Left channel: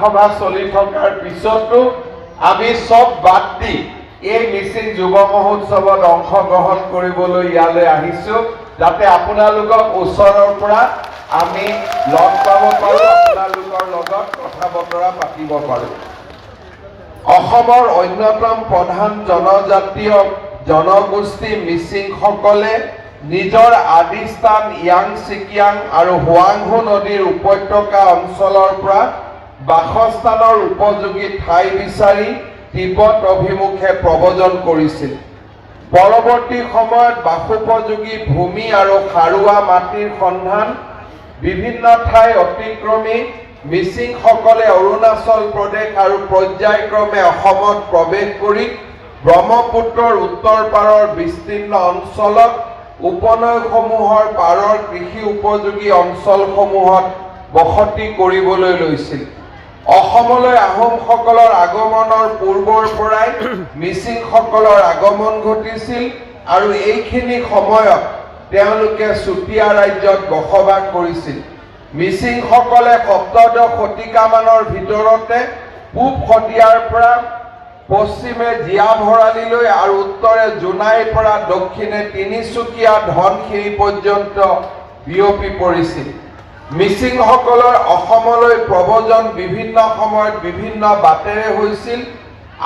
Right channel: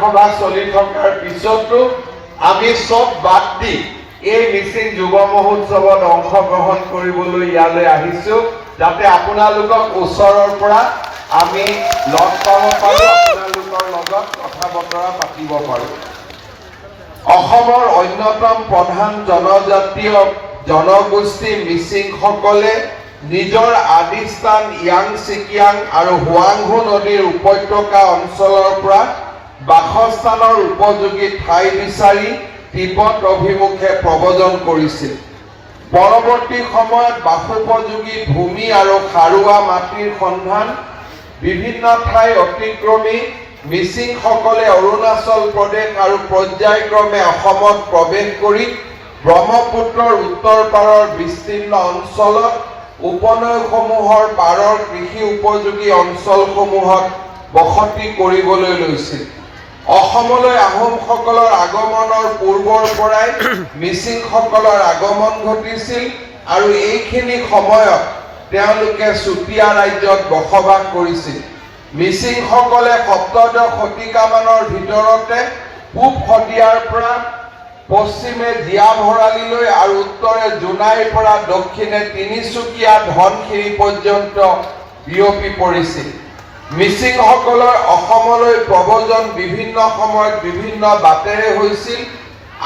সভা চলি থকাৰ পিছতো আমি সব বাদ দি এই মিচিং যুৱ মহোৎসৱত অংশগ্ৰহণ কৰিবলৈ ইয়ালৈ আহিছোঁ যাতে আপোনালোকক ওচৰৰ পৰা আমি লগ পাব পাৰোঁ, আপোনালোকৰ লগত কথা বতৰা পাতিব পাৰোঁ। অসমৰ অন্যতম প্ৰধান জনজাতীয় জনগোষ্ঠী মিচিংসকলে নিজৰ আদিস্থান ইয়াং ছিকিয়াং আৰু হুৱাংহু নদীৰ উপত্যকা অঞ্চলৰ পৰা বাসস্থানৰ উপযোগী ঠাই বিচাৰি তিব্বত অভিমুখে প্ৰব্ৰজন কৰিছিল। পৰৱৰ্তী সময়ত বাসোপযোগী ভূমি আৰু সাৰুৱা মাটিৰ সন্ধান বিভিন্ন ঠাই অতিক্ৰমি মিচিংসকলে অৰুণাচল প্ৰদেশ আৰু পৰ্যায়ক্ৰমে অসমত প্ৰৱেশ কৰি ব্ৰহ্মপুত্ৰৰ উত্তৰ পাৰৰ বিস্তীৰ্ণ অঞ্চলত উপনৈসমূহৰ পাৰৰ কৃষি উপযোগী অঞ্চলসমূহত বসতি কৰিবলৈ লৈছিল। অসমলৈ আহোমসকলৰ আগমনৰ পূৰ্বৰ পৰাই মিচিংসকলৰ আগমন ঘটিছিল আৰু এইখিনি সময়ত তেওঁলোকে চুতীয়া ৰাজ্যত বসবাস কৰিছিল। মিচিংসকলে সপ্তদশ শতিকামানৰ ভিতৰতে পূব শদিয়াৰ পৰা পশ্চিমে জীয়া ভৰালিলৈ আৰু উত্তৰে জোনাইৰ পৰা দক্ষিণে তিনিচুকীয়া ধনশিৰি পৰ্যন্ত বিয়পি পৰিছিল। মিচিংসকলৰ অসমলৈ প্ৰব্ৰজন বিভিন্ন সময়ত বিভিন্ন বাটেৰে হৈছিল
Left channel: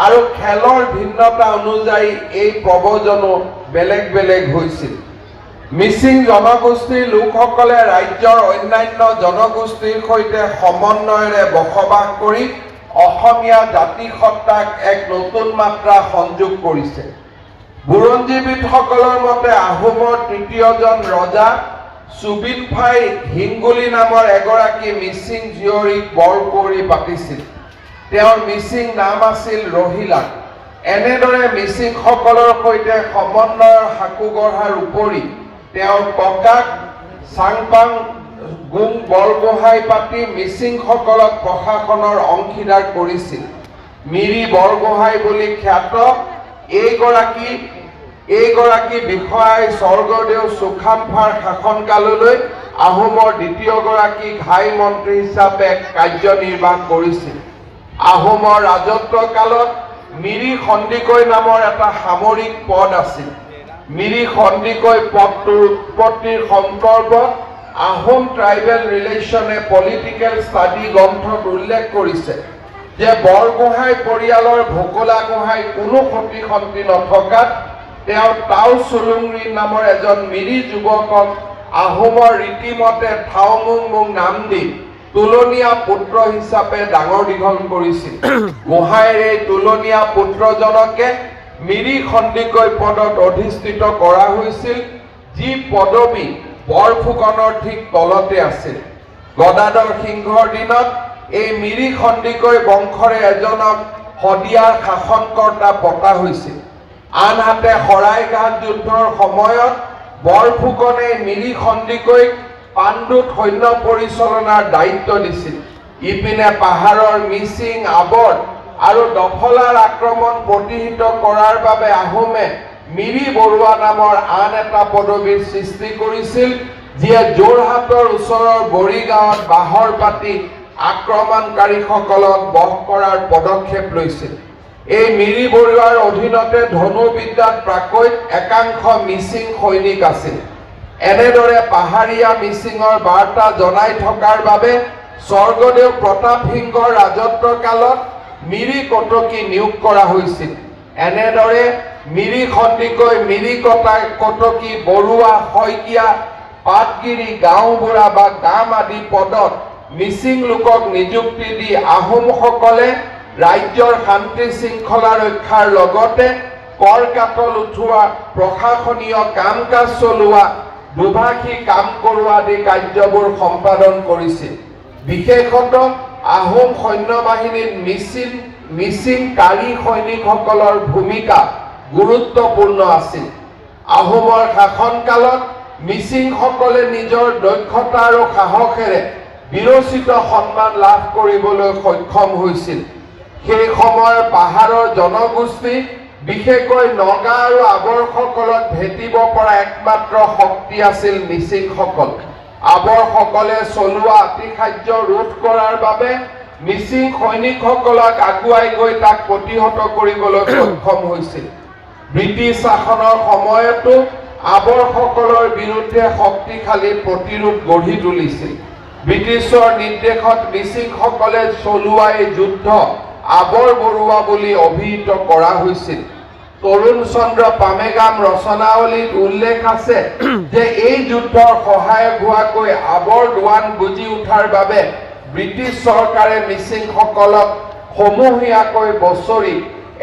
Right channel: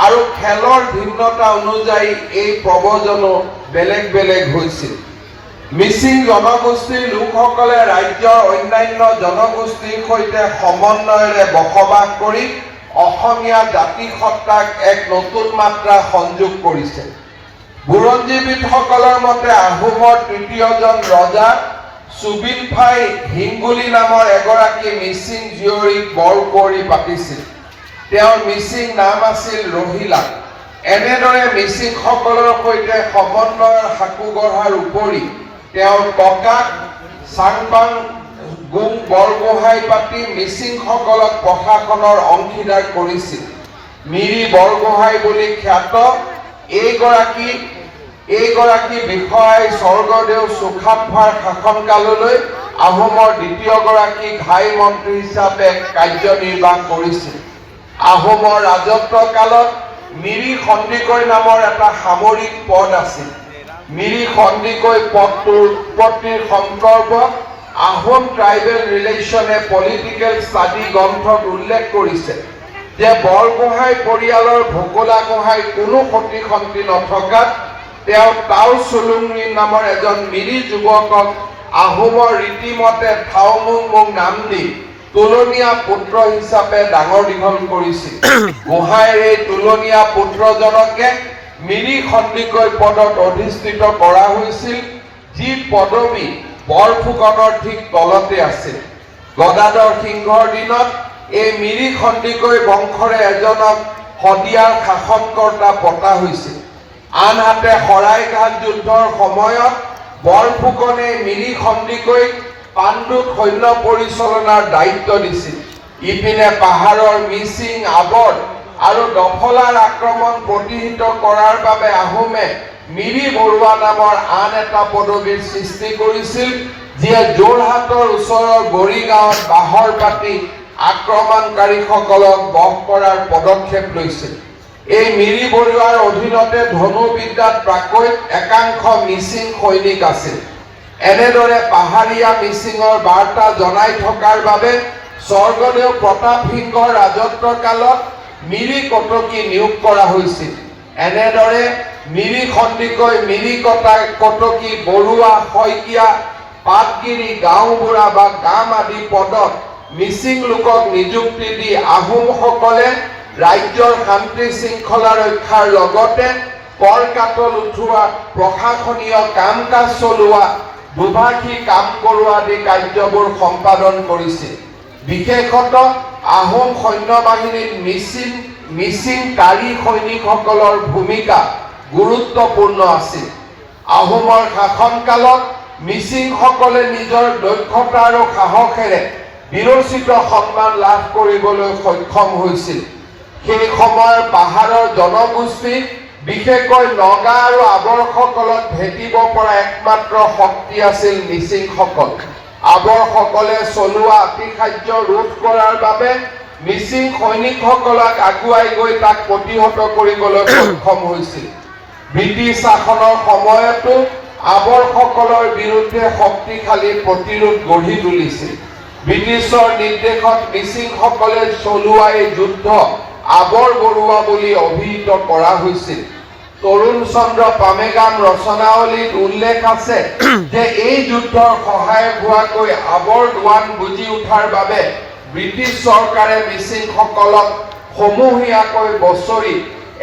আৰু খেলৰ ভিন্নতা অনুযায়ী এই প্ৰব্ৰজনো বেলেগ বেলেগ হৈছিল। মিচিং জনগোষ্ঠীৰ লোকসকলে ৰাজ্যৰ অন্যান্য জনগোষ্ঠীৰ সৈতে সমন্বয়েৰে বসবাস কৰি অসমীয়া জাতিসত্তাক এক নতুন মাত্ৰা সংযোগ কৰিছে। বুৰঞ্জীবিদসকলৰ মতে আহোমৰ তৃতীয়জন ৰজা চুবিনফাই হিংগুলি নামৰ এগৰাকী মিচিং জীয়ৰীক বৰ কৰি পাতিছিল। তেওঁৰ মিচিং নাম আছিল ৰহিলা। এনেদৰে মিচিংসকলৰ সৈতে সমন্বয়ৰ সাকু গঢ়াৰ উপৰি তেওঁৰ ককাক চাংপাং গুং বৰগোহাঁই পাতি মিচিংসকলক প্ৰশাসনৰ অংশীদাৰ কৰিছিল। মিৰি বৰগোহাঁই বুলি খ্যাত এইগৰাকী বিষয়াই স্বৰ্গদেউ চুকাফাৰ শাসনকাললৈ আহোমৰ দ্বিতীয়গৰাকী ঘাই মন্ত্ৰী হিচাপে কাৰ্যনিৰ্বাহ কৰিছিল। আহোমৰ ৰাজত্ব কালত মিৰি সন্দিকৈ নামৰ এটা সামৰিক পদ আছিল। মিৰি সন্দিকৈ পদটোৰ উৎপত্তিৰ সন্দৰ্ভত আহোম ট্ৰাইবেল ৰিলেশ্যনে পলিটিকেল ষ্টাডি গ্ৰন্থত উল্লেখ কৰিছে যে বৰগোহাঁই পৰিয়ালৰ ভোকলা গোহাঁই কোনো সতী সন্তি নথকাত তেওঁ টাও চুলুংৰি নামৰ এজন মিৰি যুৱকক আহোমৰ ৰীতিমতে থাওমুং নাম দি তুলনীয়া পুত্ৰ হিচাপে ডাঙৰ দীঘল কৰিছিল। গোহাঁইৰ এই তুলনীয়া পুত্ৰজনকে মিৰি সন্দিকৈ পদত অধিষ্ঠিত কৰা হৈছিল, যি পদবী বৰফুকনৰ ঠিক তলতে আছিল। গদাধৰ সিংহৰ দিনত এই মিৰি সন্দিকৈ বংশৰে এজনক শদিয়াৰ শাসনকৰ্তা পতা হৈছিল। আনহাতে শৰাইঘাট যুদ্ধৰ সময়ত বৰফুকনে মিৰি সন্দিকৈক পাণ্ডুত সৈন্য পৰিচালনাৰ দায়িত্ব দিছিল। ইপিনে পাহাৰৰ মিচিং আৱৰ আৰু দফলাৰ আক্ৰমণ প্ৰতিহত কৰাৰ বাবে আহোমে মিৰি বৰুৱা নামৰ আন এটা পদবীৰ সৃষ্টি কৰিছিল, যিয়ে যোৰহাটৰ ওচৰৰ বৰিগাঁৱত বাহৰ পাতি আক্ৰমণকাৰীসকলক বশ কৰাৰ পদক্ষেপ লৈছিল। এই মিৰি বৰুৱাৰ অধীনতে ধনুবিদ্যাত প্ৰাকৈত একাংশ মিচিং সৈনিক আছিল। এনেদৰে পাহাৰীয়া মিচিঙৰ বাৰ্তা জনাই থকাৰ বাবে স্বৰ্গদেউ প্ৰতাপ সিংহৰ ৰাজত্ব কালত মিৰি কটকী নিয়োগ কৰা হৈছিল। এনেদৰে মিৰি সন্দিকৈ মিৰি কটকী বৰুৱা শইকীয়া পাটগিৰি গাঁওবুঢ়া বা গাম আদি পদত মিচিং লোকক নিযুক্তি দি আহোমসকলে ৰাজ্যৰ শান্তি শৃংখলা ৰক্ষাৰ লগতে কৰ কাটল উঠোৱা, প্ৰশাসনীয় কাম কাজ চলোৱা, দুভাষী কাম কৰোৱা আদি কাৰ্যবোৰ সম্পাদন কৰিছিল। বিশেষতঃ আহোম সৈন্য বাহিনীত মিচিং কাৰী সৈনিকসকলৰ ভূমিকা গুৰুত্বপূৰ্ণ আছিল। আহোমৰ শাসনকালত মিচিংসকলে নিজৰ দক্ষতা আৰু সাহসেৰে বিৰচিত সন্মান লাভ কৰিবলৈ সক্ষম হৈছিল। সেই সময়ৰ পাহাৰৰ জনগোষ্ঠী বিশেষকৈ নগা আৰু আৱৰসকলত ভেটিব পৰা একমাত্ৰ শক্তি আছিল মিচিংসকল। আৱৰসকলে চলোৱা অতিশাৰ্য ৰোধ কৰাৰ বাবে মিচিং সৈনিকসকলক আগুৱাই গৈ তাক প্ৰতিহত কৰিবলৈ সক্ষম হৈছিল। ব্ৰিটিছ শাসনৰ সময়তো আৱৰসকলৰ বিৰুদ্ধে শক্তিশালী প্ৰতিৰোধ গঢ়ি তুলিছিল। ব্ৰিটিছৰ নিৰ্দেশত মিচিংসকলে চলোৱা এই যুদ্ধ আৱৰ বৰুৱা বুলি অভিহিত কৰা হৈছিল। তৰুণ চন্দ্ৰ পামেগাম ৰচনাৱলীত উল্লেখ আছে যে এই যুদ্ধৰ সহায়ক হোৱাকৈ আৱৰ দোৱান বুজি উঠাৰ বাবে ব্ৰিটিছ চৰকাৰে মিচিংসকলক সমূহীয়াকৈ বছৰি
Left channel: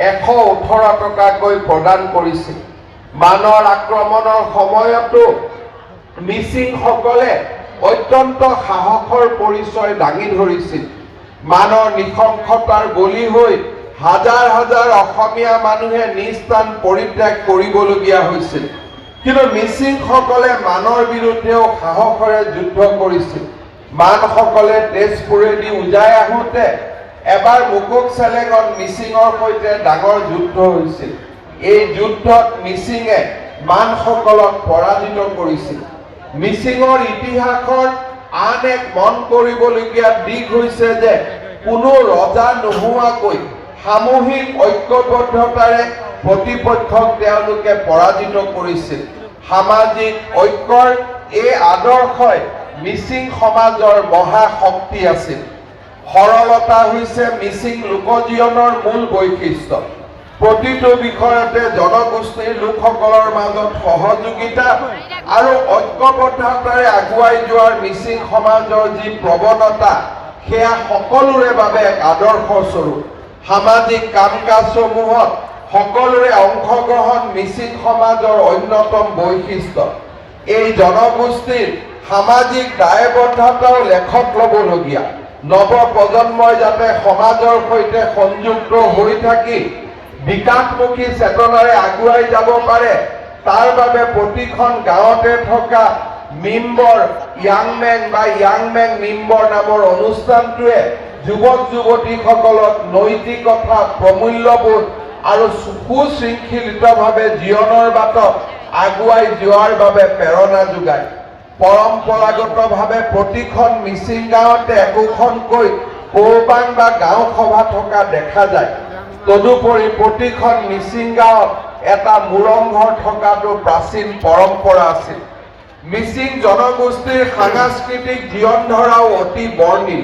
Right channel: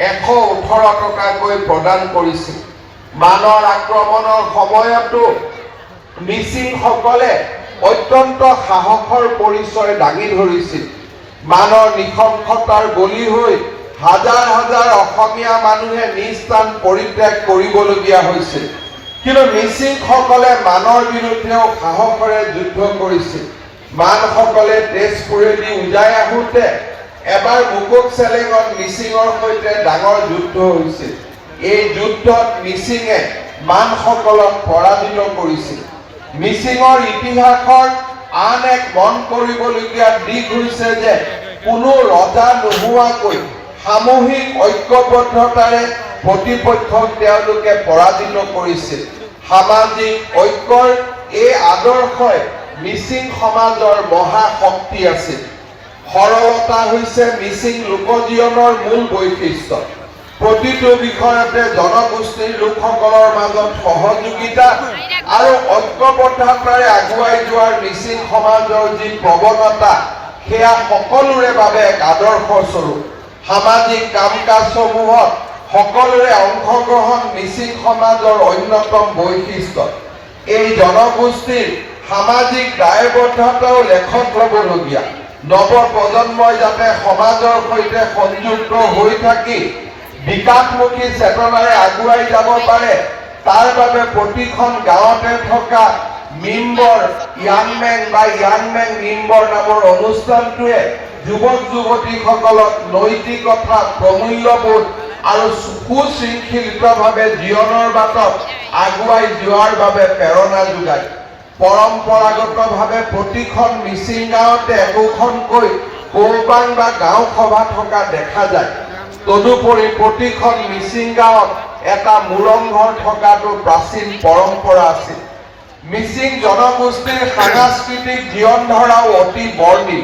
118 টকাকৈ প্ৰদান কৰিছিল। মানৰ আক্ৰমণৰ সময়তো মিচিংসকলে অত্যন্ত সাহসৰ পৰিচয় দাঙি ধৰিছিল। মানৰ নৃশংসতাৰ বলি হৈ হাজাৰ হাজাৰ অসমীয়া মানুহে নিজ স্থান পৰিত্যাগ কৰিবলগীয়া হৈছিল। কিন্তু মিচিংসকলে মানৰ বিৰুদ্ধেও সাহসেৰে যুদ্ধ কৰিছিল। মানসকলে তেজপুৰেদি উজাই আহোঁতে এবাৰ মুকুক চেলেঙত মিচিঙৰ সৈতে ডাঙৰ যুদ্ধ হৈছিল। এই যুদ্ধত মিচিঙে মানসকলক পৰাজিত কৰিছিল। মিচিঙৰ ইতিহাসৰ আন এক মন কৰিবলগীয়া দিশ হৈছে যে কোনো ৰজা নোহোৱাকৈ সামূহিক ঐক্যবদ্ধতাৰে প্ৰতিপক্ষক তেওঁলোকে পৰাজিত কৰিছিল। সামাজিক ঐক্যৰ এই আদৰ্শই মিচিং সমাজৰ মহা শক্তি আছিল। সৰলতা হৈছে মিচিং লোকজীৱনৰ মূল বৈশিষ্ট্য। প্ৰতিটো বিষয়তে জনগোষ্ঠীৰ লোকসকলৰ মাজত সহযোগিতা আৰু ঐক্যবদ্ধতাৰে আগুৱাই যোৱাৰ মিচিং সমাজৰ যি প্ৰৱণতা সেয়া সকলোৰে বাবে এক আদৰ্শস্বৰূপ। সামাজিক কাম কাজসমূহত সকলোৰে অংশগ্ৰহণ মিচিং সমাজৰ অন্যতম বৈশিষ্ট্য। এই জনগোষ্ঠীৰ সামাজিক দায়বদ্ধতাও লেখত ল'বলগীয়া। নৱ প্ৰজন্মই যাতে সমাজৰ সৈতে সংযুক্ত হৈ থাকি বিকাশমুখী চেতনাৰে আগুৱাই যাব পাৰে তাৰ বাবে প্ৰতিখন গাঁৱতে থকা মিম্বৰ য়াংমেং মিম্বৰ নামৰ অনুষ্ঠানটোৱে যুৱক যুৱতীসকলক নৈতিকতা প্ৰমূল্যবোধ আৰু সুশৃংখলিতভাৱে জীৱনৰ বাটত আগুৱাই যোৱাৰ বাবে প্ৰেৰণা যোগায়। পৰম্পৰাগতভাৱে প্ৰতিখন মিচিং গাঁৱতে একোখনকৈ কৌবাং বা গাঁও সভা থকা দেখা যায়। তদুপৰি প্ৰতিখন মিচিং গাঁৱত এটা মুৰংঘৰ থকাটো প্ৰাচীন পৰম্পৰা আছিল। মিচিং জনগোষ্ঠীৰ সাংস্কৃতিক জীৱন ধাৰাও অতি বৰ্ণিল।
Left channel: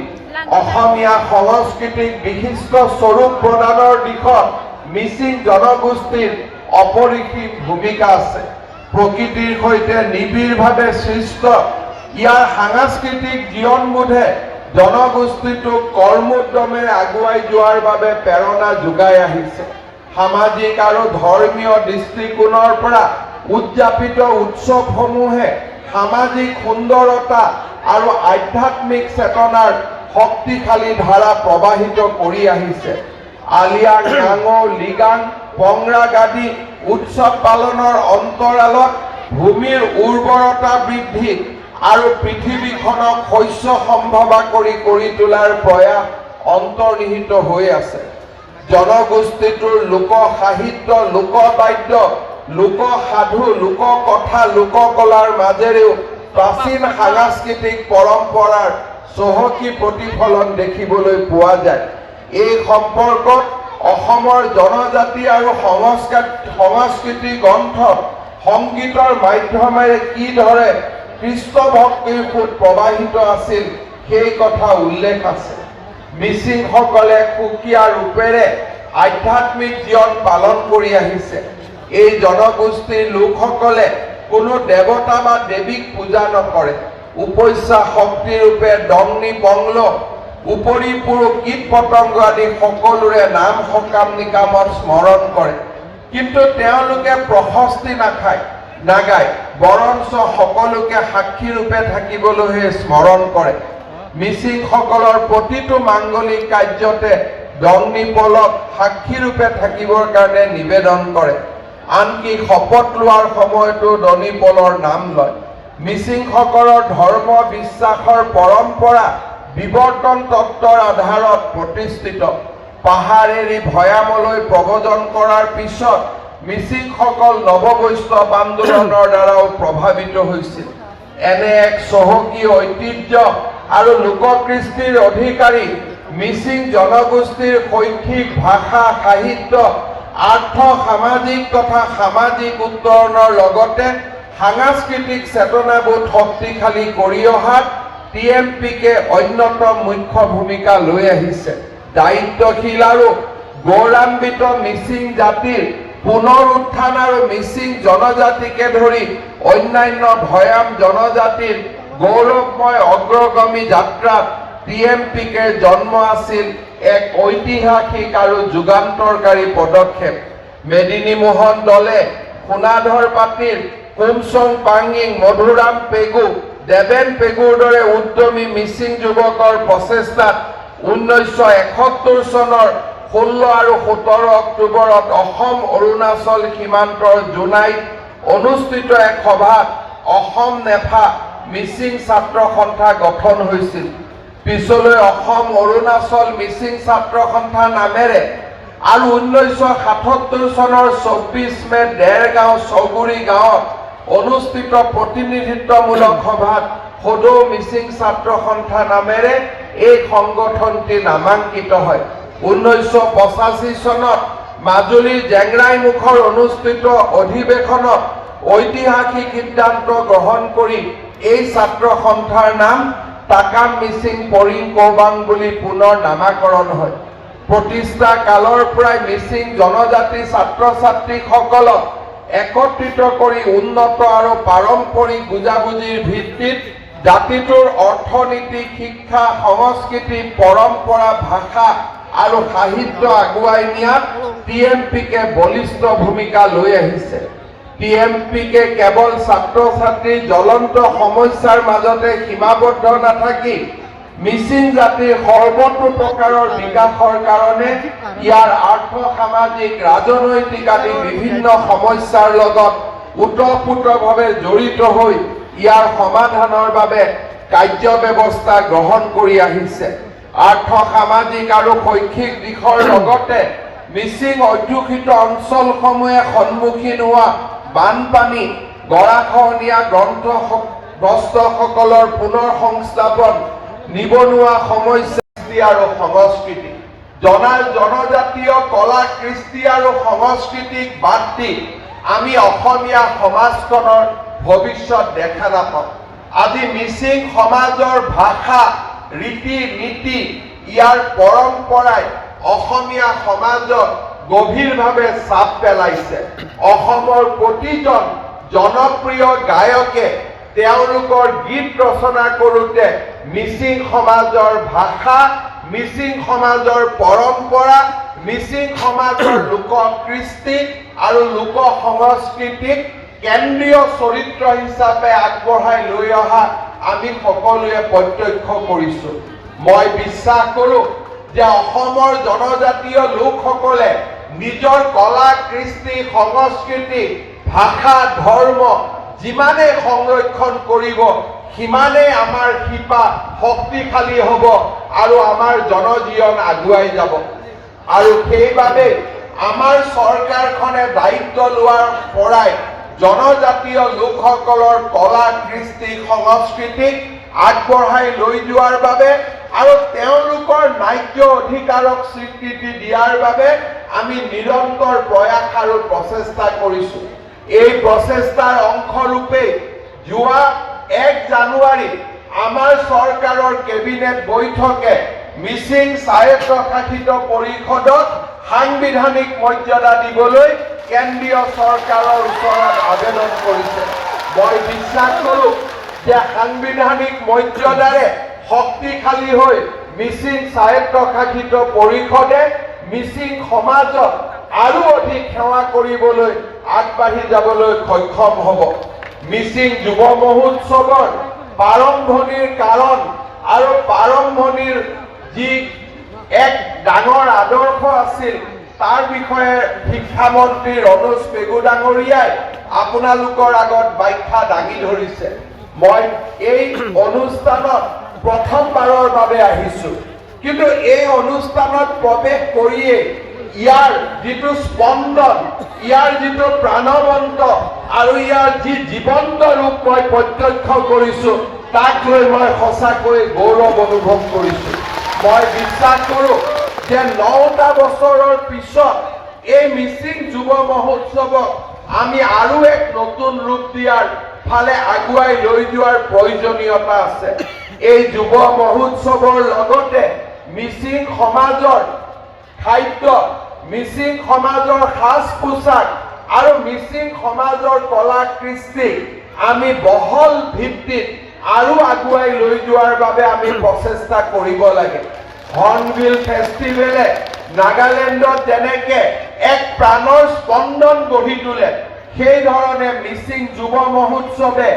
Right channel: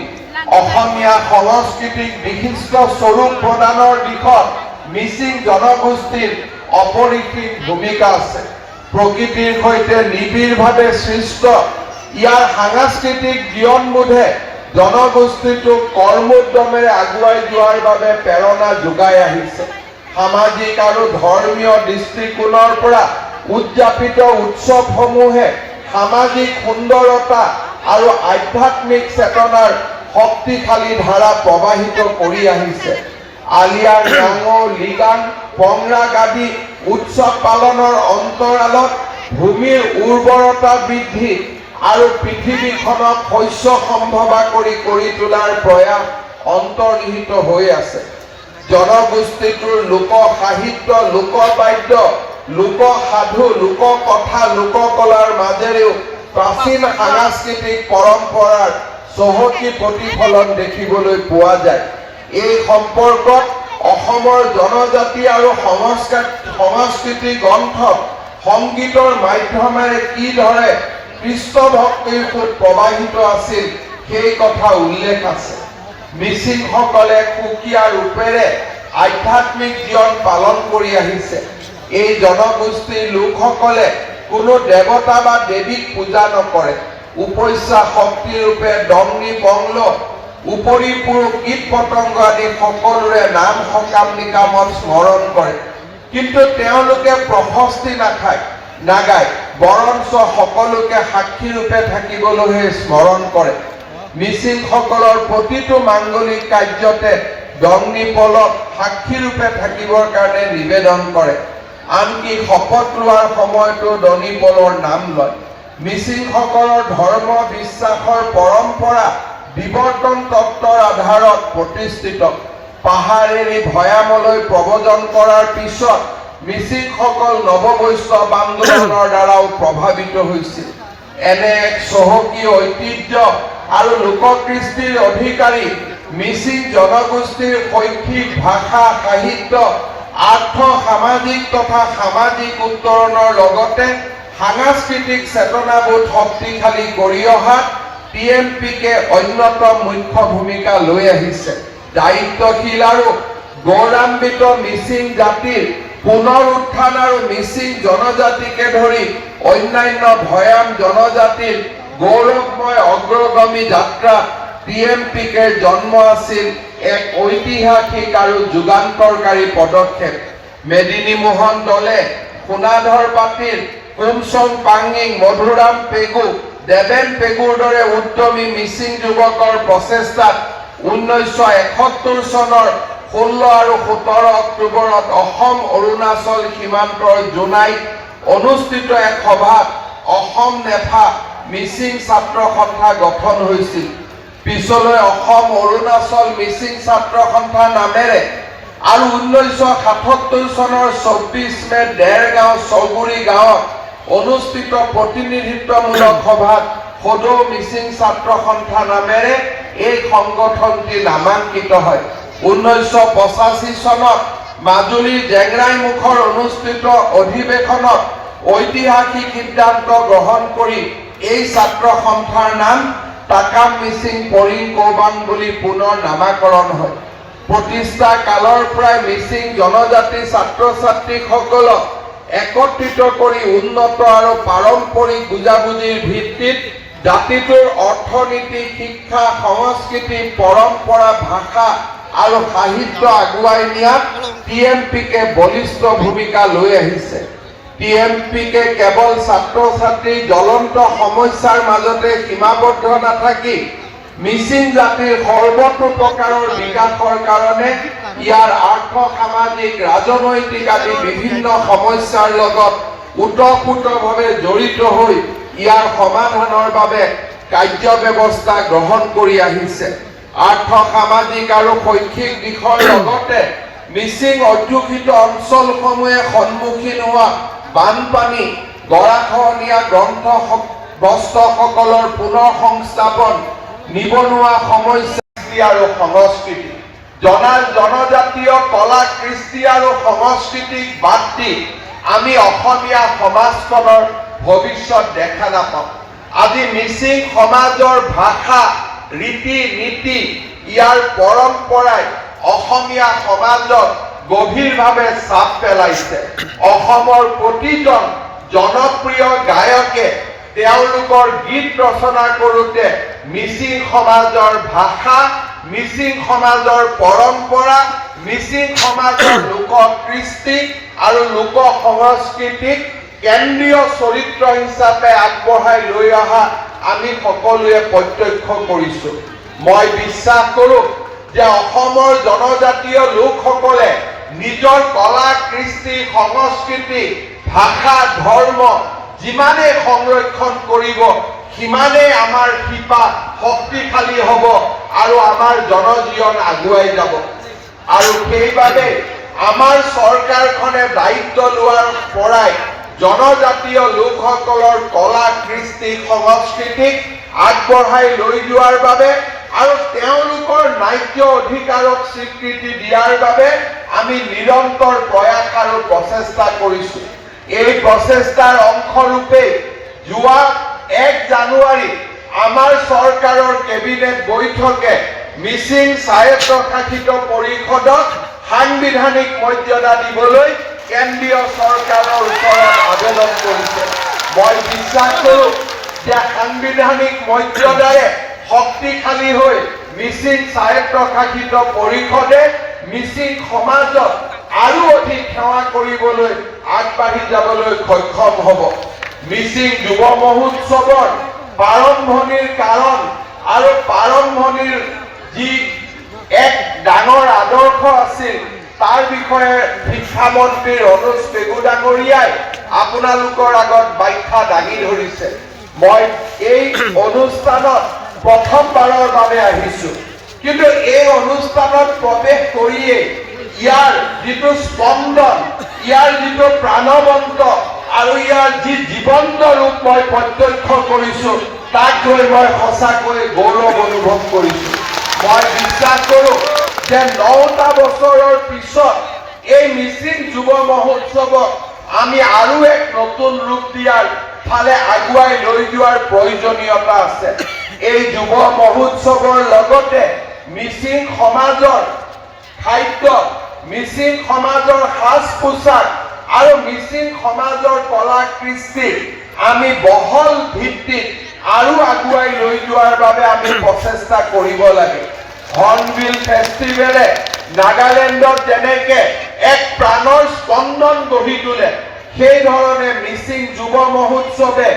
অসমীয়া সংস্কৃতিক বিশিষ্ট স্বৰূপ প্ৰদানৰ দিশত মিচিং জনগোষ্ঠীৰ অপৰিসীম ভূমিকা আছে। প্ৰকৃতিৰ সৈতে নিবিড়ভাৱে সৃষ্ট ইয়াৰ সাংস্কৃতিক জীৱনবোধে জনগোষ্ঠীটোক কৰ্মোদ্যমেৰে আগুৱাই যোৱাৰ বাবে প্ৰেৰণা যোগাই আহিছে। সামাজিক আৰু ধৰ্মীয় দৃষ্টিকোণৰ পৰা উদযাপিত উৎসৱসমূহে সামাজিক সুন্দৰতা আৰু আধ্যাত্মিক চেতনাৰ শক্তিশালী ধাৰা প্ৰবাহিত কৰি আহিছে। আলিয়াৰ নাঙো লিগাং পংৰাগ আদি উৎসৱ পালনৰ অন্তৰালত ভূমিৰ উৰ্বৰতা বৃদ্ধি আৰু পৃথিৱীখনক শস্য সম্ভৱা কৰি তোলাৰ প্ৰয়াস অন্তৰ্নিহিত হৈ আছে। জনগোষ্ঠীটোৰ লোক সাহিত্য, লোকবাদ্য, লোকসাধু, লোককথা, লোককলাৰ মাজেৰেও প্ৰাচীন সাংস্কৃতিক পৰম্পৰাৰ চহকী প্ৰতিফলন দেখিবলৈ পোৱা যায়। এই সম্পৰ্কত অসমৰ জনজাতি আৰু সংস্কৃতি গ্ৰন্থত সংগীতৰ মাধ্যমেৰে কিদৰে কৃষ্ণ ভক্তিৰ সোঁত প্ৰবাহিত আছিল সেই কথা উল্লেখ আছে। মিচিংসকলে সুকীয়া ৰূপেৰে আধ্যাত্মিক জীৱন পালন কৰি আহিছে। এই জনগোষ্ঠীৰ লোকসকলে কোনো দেৱতা বা দেৱীক পূজা নকৰে। উপস্যা শক্তিৰূপে দংনি বংল উপৰি পুৰুষ কীট পতংগ আদি সকলোৰে নাম সকাম নিকামত স্মৰণ কৰে। কিন্তু তেওঁলোকে প্ৰশস্তি নাগায়, বৰঞ্চ সকলোকে সাক্ষীৰূপে থাকিবলৈহে স্মৰণ কৰে। মিচিংসকলৰ প্ৰতিটো মাংগলিক কাৰ্যতে দংনি পলক সাক্ষীৰূপে থাকিবৰ কাৰণে নিবেদন কৰে। আনকি শপত লোৱাৰ সময়তো দনিপলৰ নাম লয়। মিচিংসকলৰ ধৰ্ম বিশ্বাসৰ পৰম্পৰা বিৱৰ্তন তত্ত্বৰ আধাৰত প্ৰতিষ্ঠিত। পাহাৰ এৰি ভৈয়ামলৈ প্ৰব্ৰজন কৰাৰ পিছত মিচিংসকল নৱবৈষ্ণৱ আন্দোলনৰ দ্বাৰাও প্ৰভাৱিত হৈছিল। এনে এক চহকী ঐতিহ্য আৰু লোককৃষ্টিৰ অধিকাৰী মিচিং জনগোষ্ঠীৰ শৈক্ষিক ভাষা সাহিত্য আৰ্থ সামাজিক তথা সামাজিক উত্তৰণৰ লগতে সাংস্কৃতিক চেতনাবোধ শক্তিশালী কৰি অহাত TMPকে অন্যতম মুখ্য ভূমিকা লৈ আহিছে। দায়িত্বশীল আৰু গৌৰৱান্বিত মিচিং জাতিৰ পুনৰ উত্থান আৰু মিচিং জনজাতিকে ধৰি অন্যান্য ভয়াম জনজাতিৰ গৌৰৱময় অগ্ৰগামী যাত্ৰাত TMPকে জন্ম আছিল এক ঐতিহাসিক আৰু যুগান্তৰকাৰী পদক্ষেপ। মেদিনী মোহন দলে সোনাধৰ পাটিল কুমচং পাঙ্গিং মধুৰাম পেগু দেবেন পেগুৰ দৰে উদ্যমী মিচিং যুৱকৰ প্ৰচেষ্টাত 1971 চনৰ 16 আৰু 17 অক্টোবৰত অসম অৰুণাচল সীমান্তৰ জোনাইত অনুষ্ঠিত এক সভাত অসম নেফা মিচিং ছাত্ৰ সন্থা গঠন হৈছিল। পিছলৈ অসম অৰুণাচল মিচিং ছাত্ৰ সন্থা নামেৰে আৰু 1977 চনৰ 24 মে দেৰগাঁও চৌগুৰি গাঁৱত অনুষ্ঠিত প্ৰতিনিধিত্বমূলক সভাত সদৌ মিচিং ছাত্ৰ সন্থা নামেৰে এই সংগঠনটি নামাঙ্কিত হয়। 1985 চনত মাজুলীৰ জেংৰাইমুখৰ অনুষ্ঠিত অধিৱেশনত ঐতিহাসিক সিদ্ধান্ত গ্ৰহণ কৰি এই ছাত্ৰ সন্থাৰ নাম টাকাম মিচিং পৰিং কৌবাং বুলি পুনৰ নামাকৰণ হয়। প্ৰতিষ্ঠা কালৰ পৰাই মিচিং জনজাতি ছাত্ৰ ছাত্ৰীসকলক একত্ৰিত কৰি উন্নত আৰু পাৰম্পৰিক বুজাবুজিৰ ভিত্তিত জাতিটোৰ অৰ্থনীতি শিক্ষা সংস্কৃতি পৰম্পৰা ভাষা আৰু সাহিত্য আগুৱাই নিয়াত TMPকে বলিষ্ঠ ভূমিকা লৈ আহিছে। TMPকে কেৱল ছাত্ৰ ছাত্ৰীৰ জ্বলন্ত সমস্যাৰ মাজতে সীমাবদ্ধ নাথাকি মিচিং জাতিৰ সৰ্বতো প্ৰকাৰৰ বিকাশৰ কাৰণে ইয়াৰ আৰ্থ সামাজিক ৰাজনৈতিক আদি বিভিন্ন সমস্যাৰ লগত ওতঃপ্ৰোতভাৱে জড়িত হৈ ইয়াৰ সমাধানৰ বাবে কাৰ্য ব্যৱস্থা গ্ৰহণ কৰি আহিছে। আৰ্থ সামাজিক আৰু শৈক্ষিক দিশৰ লগতে মিচিং অধ্যুষিত অঞ্চলসমূহে সন্মুখীন হোৱা বানপানী গৰাখহনীয়া গ্ৰস্তসকলৰ পুনৰ সংস্থাপন নিবনুৱা সমস্যা আৰু সংস্কৃতি জনজাতীয় কলা কৃষ্টি আৰু সংস্কৃতিক বাদ দি আমি অসমীয়া সমাজখনৰ ভৱিষ্যত দেখা নাপাওঁ। আজি মিচিং সমাজৰ ভাষা ৰীতি নীতি ইয়াৰ পৰম্পৰাই অসমীয়া সমাজত গভীৰভাৱে চাপ পেলাইছে। অসমৰ প্ৰতিজন জনপ্ৰিয় গায়কে তেওঁলোকৰ গীত ৰচনা কৰোঁতে মিচিং সমাজৰ ভাষা মিচিং সমাজৰ পৰম্পৰা মিচিং সমাজৰ লোক কৃষ্টি আৰু লোক সংস্কৃতিক কেন্দ্ৰীয় চৰিত্ৰ হিচাপে আগবঢ়াই লৈ অহা আমি সকলোৱে প্ৰত্যক্ষ কৰিছো। মই বিশ্বাস কৰোঁ যে অসমৰ জনজাতীয় লোকসকলে নিজৰ কলা কৃষ্টি সংস্কৃতি ভাষা ধৰ্ম যিমানে সংৰক্ষণ কৰিব সিমানেই আমাৰ শিপা শক্তিশালী হ'ব আৰু আমাৰ জনজীৱন আগুৱাই যাব। আৰু সেইবাবে আমাৰ চৰকাৰখনে দায়িত্ব লোৱাৰ পৰাই জনজাতীয় লোকসকলৰ কলা কৃষ্টি সংস্কৃতিক আগবঢ়াই লৈ যোৱাৰ বাবে আৰু তেওঁলোকৰ ন্যায্য অধিকাৰক স্বীকৃতি দিয়াৰ বাবে আমি নিৰন্তৰ প্ৰয়াস আৰু প্ৰচেষ্টা কৰিছো। এই প্ৰচেষ্টাৰ অংশৰূপে যোৱা 1 জানুৱাৰী আমাৰ চৰকাৰৰ কেবিনেট বৈঠকে মিচিং স্বায়ত্তশাসিত পৰিষদক সাংবিধানিক মৰ্যাদা দিবলৈ কেন্দ্ৰীয় চৰকাৰৰ ওচৰত আবেদন কৰিছে। মই বিশ্বাস কৰোঁ যে সাংবিধানিক মৰ্যাদাৰে শক্তিশালী হৈ মিচিং স্বায়ত্তশাসিত পৰিষদে মিচিং সমাজক আৰু অধিক সেৱা কৰিবলৈ আগবাঢ়ি যাবলৈ সক্ষম হ'ব। মিচিং যুৱ মহোৎসৱৰ প্ৰাৰম্ভণিৰ কাৰণ আৰু প্ৰাৰম্ভণিৰ যি এক ডাঙৰ আদৰ্শ আছিল তাৰ বিষয়ে শিক্ষামন্ত্ৰী ৰণোজ পেগু ডাঙৰীয়াই আপোনালোকৰ আগত ব্যাখ্যা দাঙি ধৰিছে। মই এই অনুষ্ঠানত প্ৰথমবাৰৰ বাবে আহিছো, কিন্তু এই অনুষ্ঠানত প্ৰৱেশ কৰিয়ে ইয়াৰ যিটো স্পন্দন ইয়াৰ যিটো প্ৰাণৱন্ত আৰু ইয়াৰ যি জীৱন্ত ৰূপ মই প্ৰত্যক্ষ কৰিছো তাক লৈ মই সঁচাকৈ গৌৰৱ অনুভৱ কৰিছো। মই বিশ্বাস কৰোঁ যে 9টা বছৰৰ পিছত এই মিচিং যুৱ মহোৎসৱক আমি আৰু এক নতুন ৰূপ দিয়াৰ ফালে আগুৱাই লৈ যোৱাৰ প্ৰয়োজনীয়তা আছে। এই যুৱ মহোৎসৱৰ লগতে মিচিং সমাজৰ খাদ্য, মিচিং সমাজৰ সাজ পোছাক আৰু মিচিং সমাজৰ কলা কৃষ্টি আমি বহল ভিত্তিত আৰু আগুৱাই লৈ যোৱাৰ বাবে আমি প্ৰচেষ্টা কৰিব লাগে। হৰ্ণবিল ফেষ্টিভেলে নাগালেণ্ডত যেনেকে এক প্ৰাণৰ স্পন্দন গঢ়ি তোলে, সেই ধৰণে মিচিং যুৱ মহোৎসৱে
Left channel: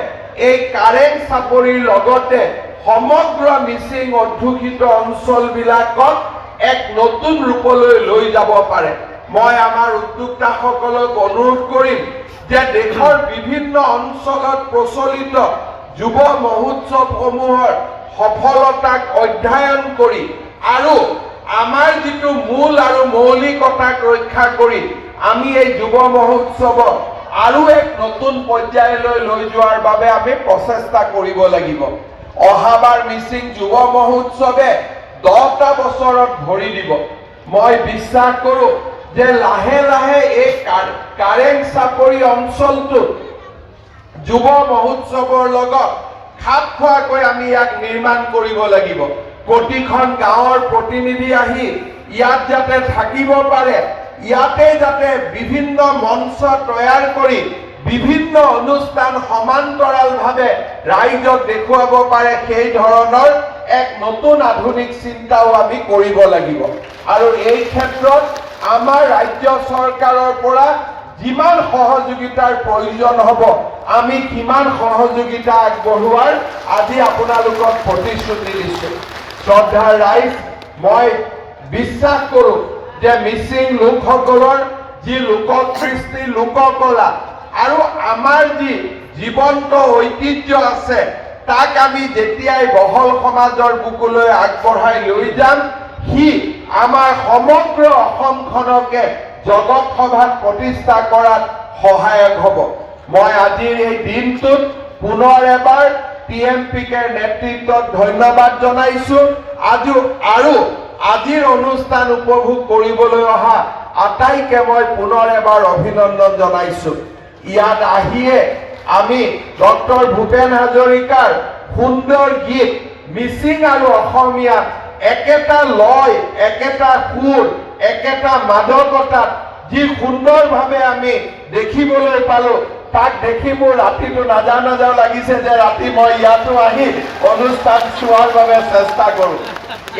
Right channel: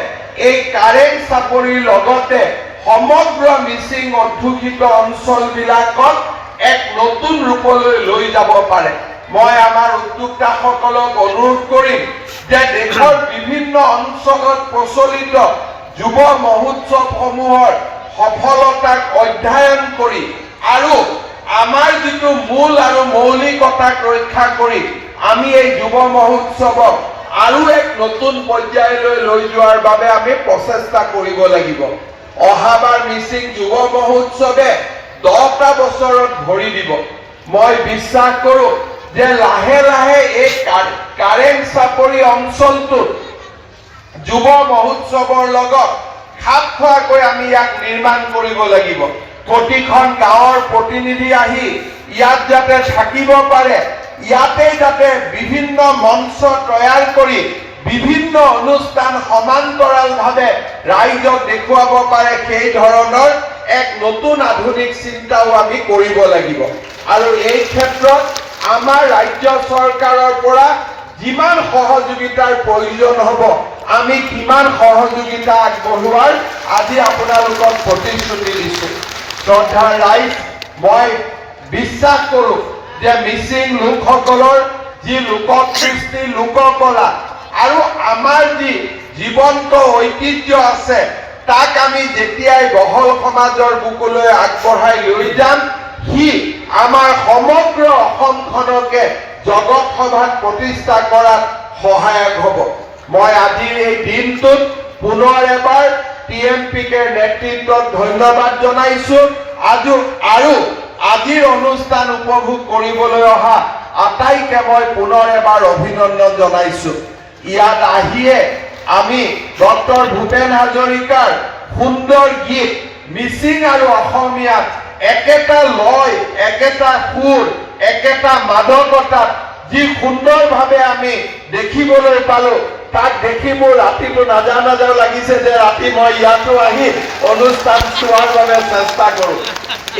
এই কাৰেং চাপৰিৰ লগতে সমগ্ৰ মিচিং অধ্যুষিত অঞ্চলবিলাকত এক নতুন ৰূপলৈ লৈ যাব পাৰে। মই আমাৰ উদ্যোক্তাসকলক অনুৰোধ কৰিম যে দেশৰ বিভিন্ন অঞ্চলত প্ৰচলিত যুৱ মহোৎসৱসমূহৰ সফলতাক অধ্যয়ন কৰি আৰু আমাৰ যিটো মূল আৰু মৌলিকতাক ৰক্ষা কৰি আমি এই যুৱ মহোৎসৱক আৰু এক নতুন পৰ্যায়লৈ লৈ যোৱাৰ বাবে আমি প্ৰচেষ্টা কৰিব লাগিব। অহাবাৰ মিচিং যুৱ মহোৎসৱে 10টা বছৰত ভৰি দিব। মই বিশ্বাস কৰোঁ যে লাহে লাহে এই কাৰেং চাপৰি অঞ্চলটোত যুৱ মহোৎসৱৰ লগত খাপ খোৱাকৈ আমি ইয়াক নিৰ্মাণ কৰিব লাগিব। প্ৰতিখন গাঁৱৰ প্ৰতিনিধি আহি ইয়াত যাতে থাকিব পাৰে, ইয়াতে যাতে বিভিন্ন মঞ্চ তৈয়াৰ কৰি বিভিন্ন অনুষ্ঠান সমান্তৰালভাৱে ৰাইজক দেখুৱাব পাৰে, সেই ধৰণৰ এক নতুন আধুনিক চিন্তাও আমি কৰিব লাগিব। আৰু এই ক্ষেত্ৰত আমাৰ ৰাজ্য চৰকাৰৰ পৰা যিমান সহযোগিতাৰ প্ৰয়োজন হ'ব আমি কিমান সহযোগিতা আগবঢ়োৱাৰ আজি আপোনালোকক প্ৰতিশ্ৰুতি দিছোঁ। শ্ৰদ্ধাৰ ৰাইজ, মই বিশ্বাস কৰোঁ যে মিচিং লোকসকলৰ যি লোককৃষ্টি, লোককলা আৰু আমাৰ যি জীৱন্ত ঐতিহ্য আছে তাক আমি যেতিয়াই বহল সমাজৰ বুকুলৈ আগবঢ়াই লৈ যাম, সি আমাৰ সমগ্ৰ অসমখনকে জগত সভাত প্ৰতিষ্ঠা কৰাত সহায়ক হ'ব। মই আজিৰ এই দিনটোত পুনৰ এবাৰ TMPKৰ নেতৃত্বত ধন্যবাদ জনাইছোঁ। আৰু আজিৰ অনুষ্ঠান উপভোগ কৰিবলৈ অহা আটাইকে মই পুনৰ এবাৰ অভিনন্দন জনাইছোঁ। ইয়াত আহিয়ে আমি ডক্টৰ ভূপেন হাজৰিকাৰ সুন্দৰ গীত মিচিং আৰু অসমীয়াত একেটা লয়, একেটা সুৰ, একেটা মাদকতাত যি সুন্দৰভাৱে আমি দেখিবলৈ পালোঁ, তাক দেখি মোৰ ৰাতিটো নাযাওঁ নাযাওঁ লাগিছে যে ৰাতি মই ইয়াতো আহি অনুষ্ঠান চোৱাৰ বাবে চেষ্টা কৰোঁ।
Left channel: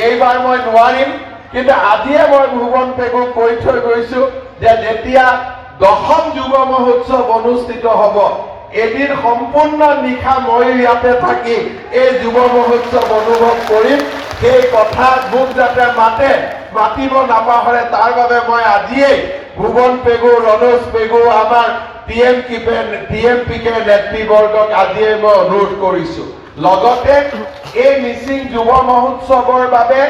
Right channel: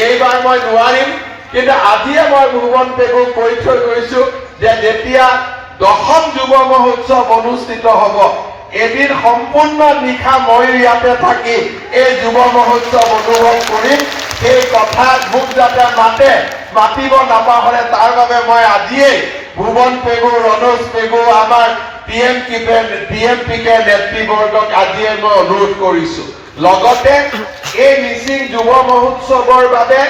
এইবাৰ মই নোৱাৰিম, কিন্তু আজিয়ে মই ভুৱন পেগুক কৈ থৈ গৈছোঁ যে যেতিয়া 10ম যুৱ মহোৎসৱ অনুষ্ঠিত হ'ব, এদিন সম্পূৰ্ণ নিশা মই ইয়াতে থাকি এই যুৱ মহোৎসৱ অনুভৱ কৰিম। সেই কথা মোক যাতে মাতিব নাপাহৰে, তাৰ বাবে মই আজিয়েই ভুৱন পেগু, ৰণোজ পেগু, আমাৰ TMPK নেতৃবৰ্গক আজিয়ে মই অনুৰোধ কৰিছোঁ। লগতে এই মিচিং যুৱ মহোৎসৱৰ বাবে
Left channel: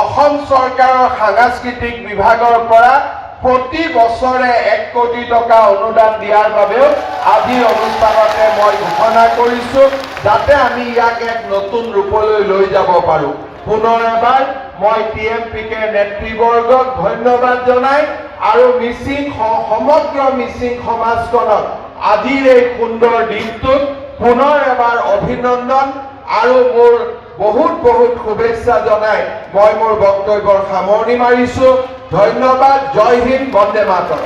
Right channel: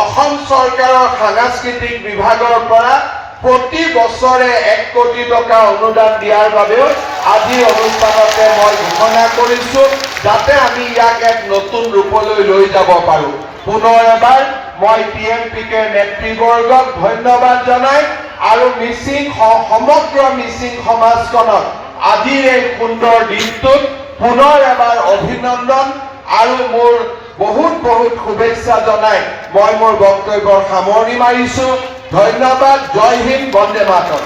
অসম চৰকাৰৰ সাংস্কৃতিক বিভাগৰ পৰা প্ৰতি বছৰে 1 কোটি টকা অনুদান দিয়াৰ বাবেও আজিৰ অনুষ্ঠানতে মই ঘোষণা কৰিছোঁ, যাতে আমি ইয়াক এক নতুন ৰূপলৈ লৈ যাব পাৰোঁ। পুনৰ এবাৰ মই TMPK নেতৃবৰ্গক ধন্যবাদ জনাই আৰু সমগ্ৰ মিচিং সমাজখনক আজিৰ এই সুন্দৰ দিনটোত পুনৰ এবাৰ অভিনন্দন আৰু মোৰ বহুত বহুত শুভেচ্ছা জনাই মই মোৰ বক্তব্যৰ সামৰণি মাৰিছোঁ। ধন্যবাদ। জয় হিন্দ, বন্দে মাতৰম।